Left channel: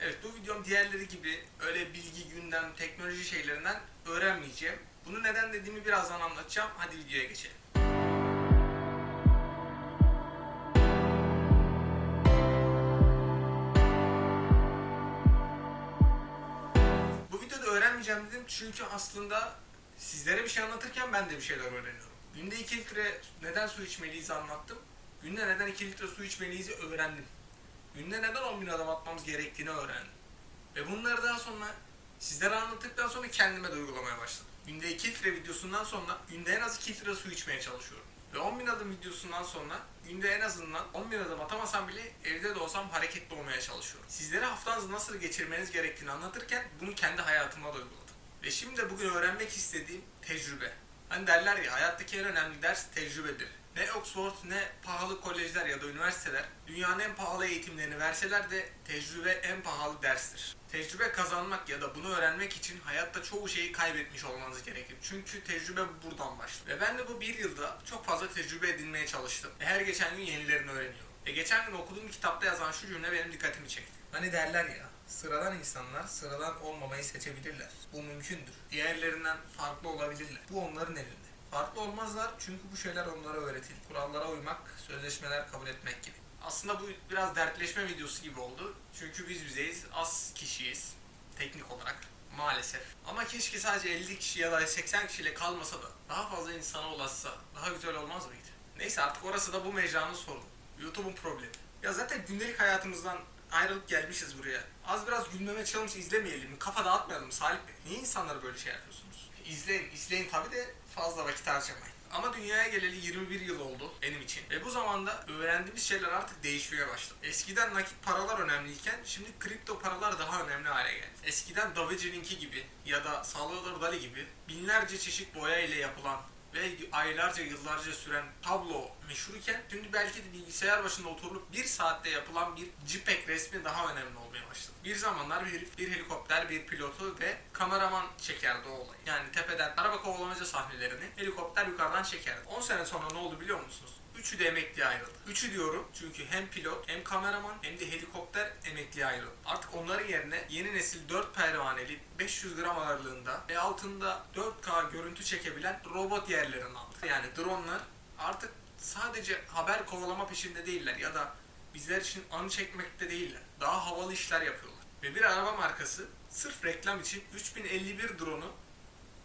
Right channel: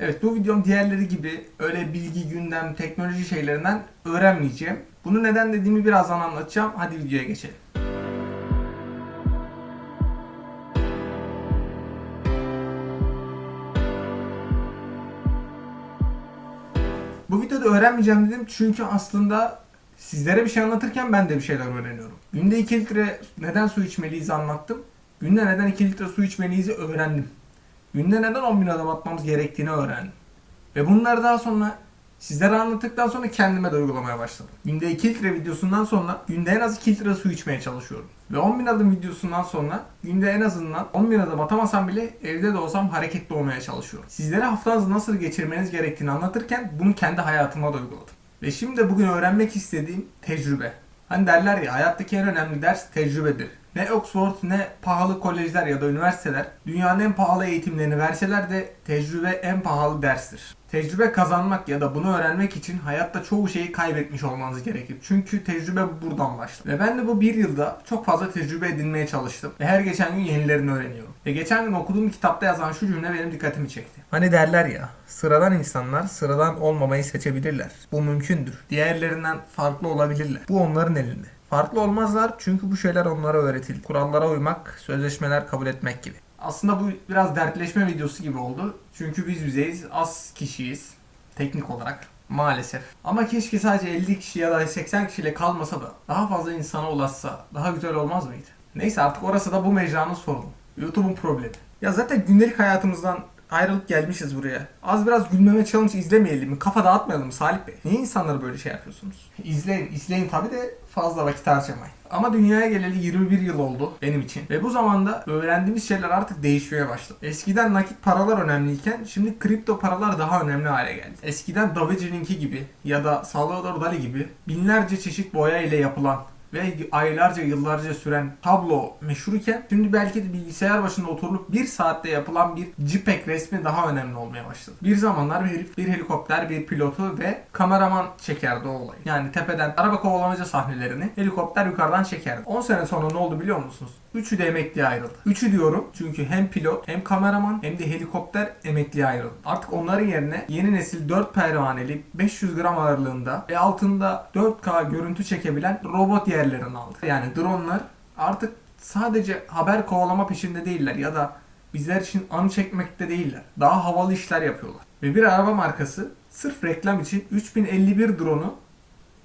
Evet bu videom diğerleri gibi öyle bilgi, gündem, teknoloji şeylerinden öğrenmeyeceğim. Bunu neden dediğimi birazdan anlatacağım. Hadi videoya geçelim. Bu videoda öğrenmeyeceğim dedim çünkü aslında sizlere bir şey anlatırken ben de bir şeyler öğreniyorum. Günde 2 litre neden su içmeliyiz anlattım. Günde neden 2 litre su içmeliyiz öğrendim. Günde neden 10 bin adım atmamız gerektiğini öğrendim. Ve bunları daha sonra sizlere anlattıktan sonra kendime de uygulamaya başladım. Günde 2 litre videosundan sonra günde en az 2 litre su içmeye çalışıyorum. Ve 10 bin adım videosundan sonra günde en azından 10 bin adım atamasam bile evde de olsam hareketli olmaya çalışıyorum. Sizlere haftanızı nasıl geçirmeniz gerektiğini anlatırken bunu kendi hayatıma da uyguladım. Ve şimdi bugün öğrenmek istediğim tecrübe. Hani derler ya hayattaki en önemli ders tecrübedir. Ne Oxford ne pahalı kolejler ya da üniversiteler dünyanın en pahalı eğitimlerini verseler de tecrübe en pahalı derstir. Tecrübe kazanmak ya da bunu öğrenmek için hayatta çoğu şeyi kaybetmiş olmanız gerekir. Çünkü tecrübe buradan başlar. Ve ben de bu bir yılda çok fazla tecrübe edinmeye çalıştım. Ve her geçen gün yenilerini öğreniyorum. Ve geçen gün okuduğum kitapta yazan şu cümle benim dikkatimi çekti. Hani derler ya, sıradan insanlar sıradan olmamayı seçebilirler. Bu mümkündür. Diğerlerinden farklı olabilirler. Bu onların elinde. Farklı olmazlar çünkü bu şeyler onlara öğretildi. Kurallara uymak, sözleşmeler kabul etmek gibi. Aslında bu biraz dertleşme videosu gibi oldu. Çünkü biz bizeyiz, az kişiyiz teknik olarak maalesef. Ama keşke sadece 50 kişi ya da 80 kişiyle kalmasa da daha fazla insana ulaşsa daha güzel olmaz mıydı? Neyse artık orası da bu mecranın sorunu. YouTube'un problemi. Ya zaten gündelik hayatımızdan ayrılıp gelmişiz buraya. Az biraz gülmeme challenge izlemeyelim mi? Kafa dağıtmayalım mı Salih Bey? Niye insanlara böyle şey yapıyorsunuz? İzleyin, izleyin tabi de fazla vakit harcamayın. Ama dünyaya geleli 21 yıl oldu benim için. Ve bu zamanda öğrendiğimiz şeyler artık değişmeye başladı. Eskiden nakit paralar önemliyken şimdi kripto paralar daha önemli hale geldi. Eskiden Da Vinci'ninki gibi ya da Salvador Dali gibi binlerce çeşit boya ile yapılan ve aylarca yıllarca süren tablo meşhurken şimdi belki de bilgisayar başında oturup bir saatte yapılan bir JPEG resmi daha önemli olmaya başladı. Bir zamanlar bir, bir helikopter, bir pilotu ve kameraman çekerdi o olayı. Yani tepeden araba kovalamaca sahnelerini helikopter yukarıdan çekerdi. 10 sene sonra ne oldu biliyor musunuz? Üçü de emekliye ayrıldı. Üçü diyorum çünkü hem pilot hem kameraman hem de helikopter emekliye ayrıldı. Artık onların yerine yeni nesil 4 pervaneli 500 gram ağırlığında ve altında 4K görüntü çekebilen robot yerlerini aldı. Yani dronlar artık sadece haber kovalama peşinde değiller ya da bizler için anı çekmekte değiller. Daha havalı işler yapıyorlar. Ve bir araba markası sırf reklam için 3051 drone'u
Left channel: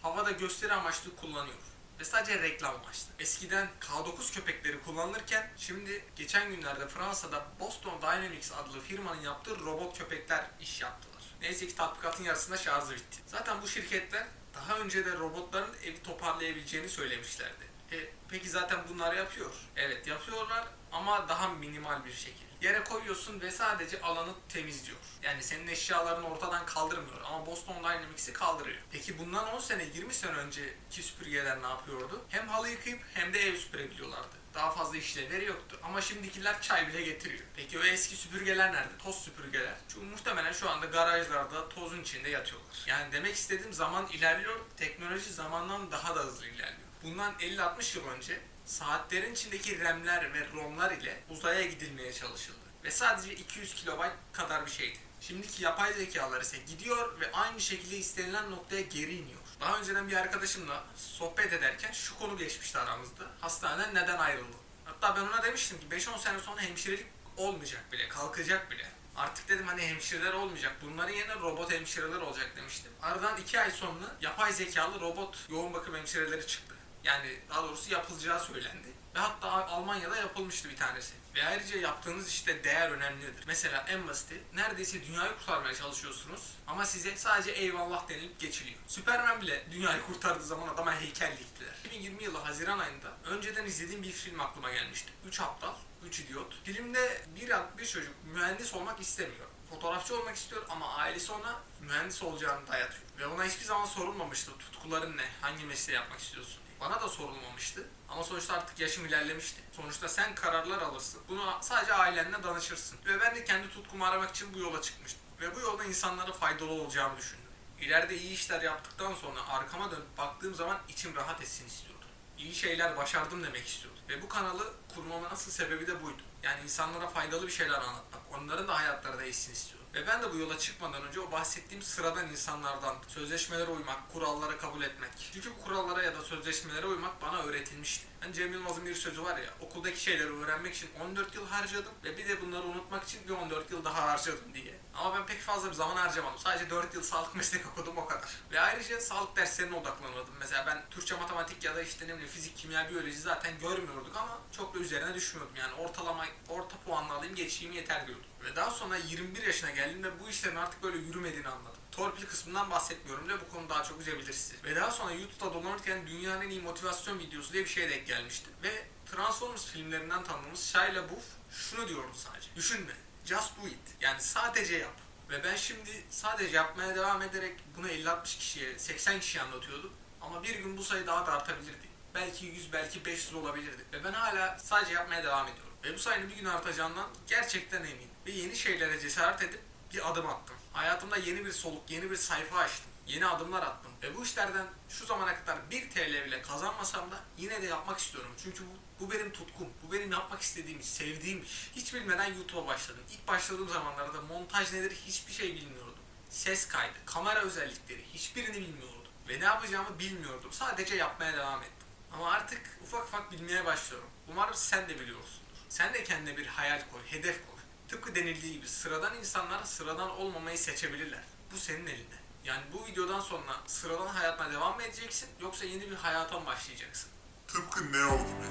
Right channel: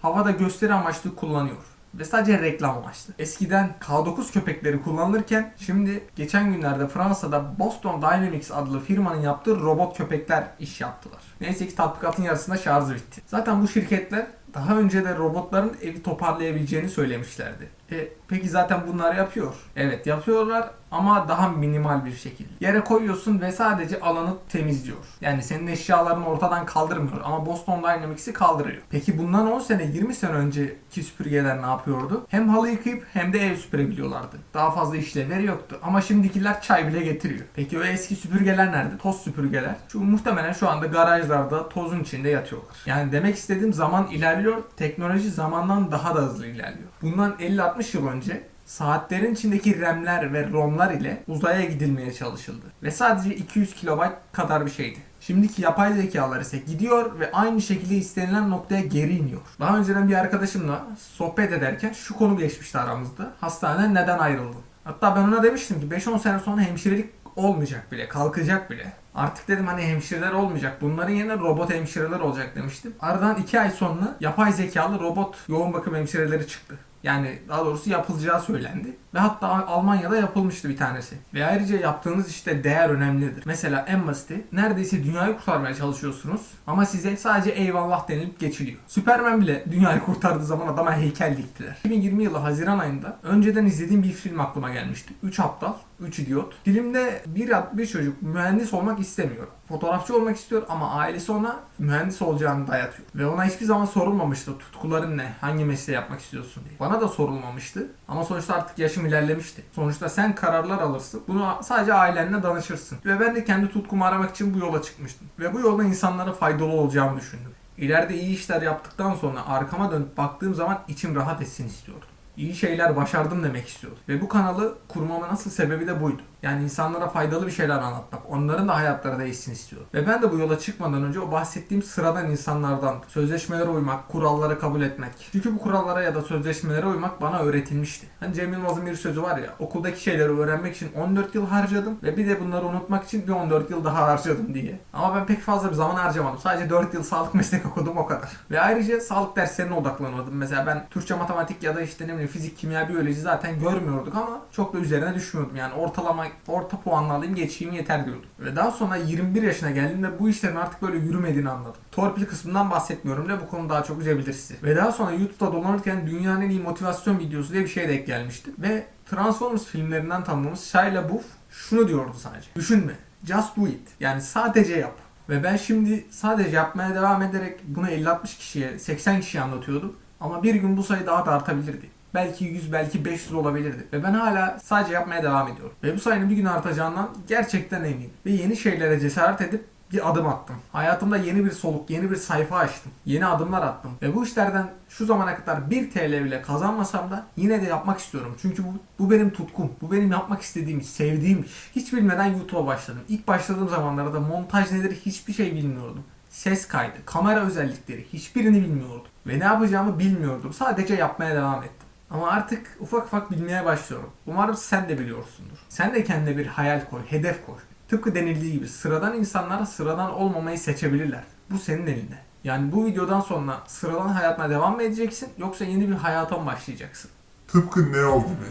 havada gösteri amaçlı kullanıyor. Ve sadece reklam amaçlı. Eskiden K9 köpekleri kullanılırken şimdi geçen günlerde Fransa'da Boston Dynamics adlı firmanın yaptığı robot köpekler iş yaptılar. Neyse ki tatbikatın yarısında şarjı bitti. Zaten bu şirketler daha önce de robotların evi toparlayabileceğini söylemişlerdi. E, peki zaten bunlar yapıyor. Evet yapıyorlar ama daha minimal bir şekilde. Yere koyuyorsun ve sadece alanı temizliyor. Yani senin eşyalarını ortadan kaldırmıyor ama Boston Dynamics'i kaldırıyor. Peki bundan 10 sene 20 sene önceki süpürgeler ne yapıyordu? Hem halı yıkayıp hem de ev süpürebiliyorlardı. Daha fazla işlevleri yoktu. Ama şimdikiler çay bile getiriyor. Peki o eski süpürgeler nerede? Toz süpürgeler. Şu muhtemelen şu anda garajlarda tozun içinde yatıyorlar. Yani demek istediğim zaman ilerliyor. Teknoloji zamandan daha da hızlı ilerliyor. Bundan 50-60 yıl önce saatlerin içindeki RAM'ler ve ROM'lar ile uzaya gidilmeye çalışıldı. Ve sadece 200 KB kadar bir şeydi. Şimdiki yapay zekalar ise gidiyor ve aynı şekilde istenilen noktaya geri iniyor. Daha önceden bir arkadaşımla sohbet ederken şu konu geçmişti aramızda. Hastaneden neden ayrıldın? Hatta ben ona demiştim ki 5-10 sene sonra hemşirelik olmayacak bile, kalkacak bile. Artık dedim hani hemşireler olmayacak. Bunların yerine robot hemşireler olacak demiştim. Aradan 2 ay sonra yapay zekalı robot yoğun bakım hemşireleri çıktı. Yani daha doğrusu yapılacağı söylendi. Ve hatta Almanya'da yapılmıştı bir tanesi. Ve ayrıca yaptığınız işte değer önemlidir. Mesela en basiti neredeyse dünyayı kurtarmaya çalışıyorsunuz ama size sadece eyvallah denilip geçiliyor. Süpermen bile dünyayı kurtardığı zaman adama heykel diktiler. 2020 yılı Haziran ayında önceden izlediğim bir film aklıma gelmişti. 3 aptal, 3 idiot. Filmde bir, bir çocuk mühendis olmak istemiyor. Fotoğrafçı olmak istiyor ama ailesi ona mühendis olacağını dayatıyor. Ve ona hiçbir zaman sorulmamıştı tutkuların ne, hangi mesleği yapmak istiyorsun diye. Bana da sorulmamıştı ama sonuçta artık yaşım ilerlemişti. Sonuçta sen kararlar alırsın. Bunu sadece ailenle danışırsın. Ve ben de kendi tutkumu aramak için bu yola çıkmıştım. Ve bu yolda insanlara faydalı olacağımı düşündüm. İleride iyi işler yaptıktan sonra arkama dönüp baktığım zaman içim rahat etsin istiyordum. İyi şeyler başardım demek istiyordum. Ve bu kanalı kurmamın asıl sebebi de buydu. Yani insanlara faydalı bir şeyler anlatmak. Onların da hayatları değişsin istiyorum. Ve ben de bu yola çıkmadan önce o bahsettiğim sıradan insanlardan sözleşmelere uymak, kuralları kabul etmek. Çünkü bu kurallara ya da sözleşmelere uymak bana öğretilmişti. Hani Cem Yılmaz'ın bir sözü var ya, okuldaki şeyleri öğrenmek için 14 yıl harcadım ve bir de bunları unutmak için bir 14 yıl daha harcadım diye. Ama ben pek fazla bir zaman harcamadım. Sadece 4 yıl sağlık meslek okudum o kadar. Ve ayrıca sağlık derslerine odaklanmadım. Mesela ben Türkçe, matematik ya da işte ne bileyim fizik, kimya, biyoloji zaten görmüyorduk ama çok da üzerine düşmüyordum. Yani ortalama, orta puanla alayım geçeyim yeter diyordum. Ve daha sonra 21 yaşına geldiğimde bu işlerin artık böyle yürümediğini anladım. Torpil kısmından bahsetmiyorum da bu konu daha çok üzebilir sizi. Ve daha sonra YouTube'da dolanırken dünyanın en iyi motivasyon videosu diye bir şey denk gelmişti. Ve Transformers filmlerinden tanıdığımız Shia LaBeouf şunu diyordu sadece. Düşünme. Just do it. Yani sadece yap. Ve ben şimdi sadece yapmaya devam ederek bunu 50-60 kişiye, 80 kişiye anlatıyordum. Ama bir gün bu sayı daha da artabilirdi. Belki 100, belki 500 olabilirdi. Ve ben hala sadece yapmaya devam ediyorum. Ve bu sayının bir gün artacağından gerçekten eminim. Ve yeni şeylere cesaret edip bir adım attım. Hayatımda yeni bir soluk, yeni bir sayfa açtım. Yeni adımlar attım. Ve bu işlerden şu zamana kadar 1 TL bile kazanmasam da yine de yapmak istiyorum. Çünkü bu, bu benim tutkum. Bu benim yapmak istediğim sevdiğim. Hiç bilmeden YouTube'a başladım. İlk başladığım zamanlarda montaj nedir hiçbir şey bilmiyordum. Ses kaydı, kamera özellikleri hiçbirini bilmiyordum. Ve ne yapacağımı bilmiyordum. Sadece yapmaya devam ettim. Ama artık ufak ufak bilmeye başlıyorum. Umarım sen de biliyorsundur. Sen de kendine bir hayal koy, hedef koy. Tıpkı denildiği gibi sıradan insanlar sıradan olmamayı seçebilirler. Bu senin elinde. Yani bu videodan sonra sıradan hayatına devam mı edeceksin yoksa yeni bir hayata mı başlayacaksın? Tıpkı Neo gibi.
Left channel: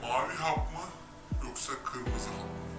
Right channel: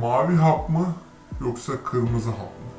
Mavi hap mı yoksa kırmızı hap mı?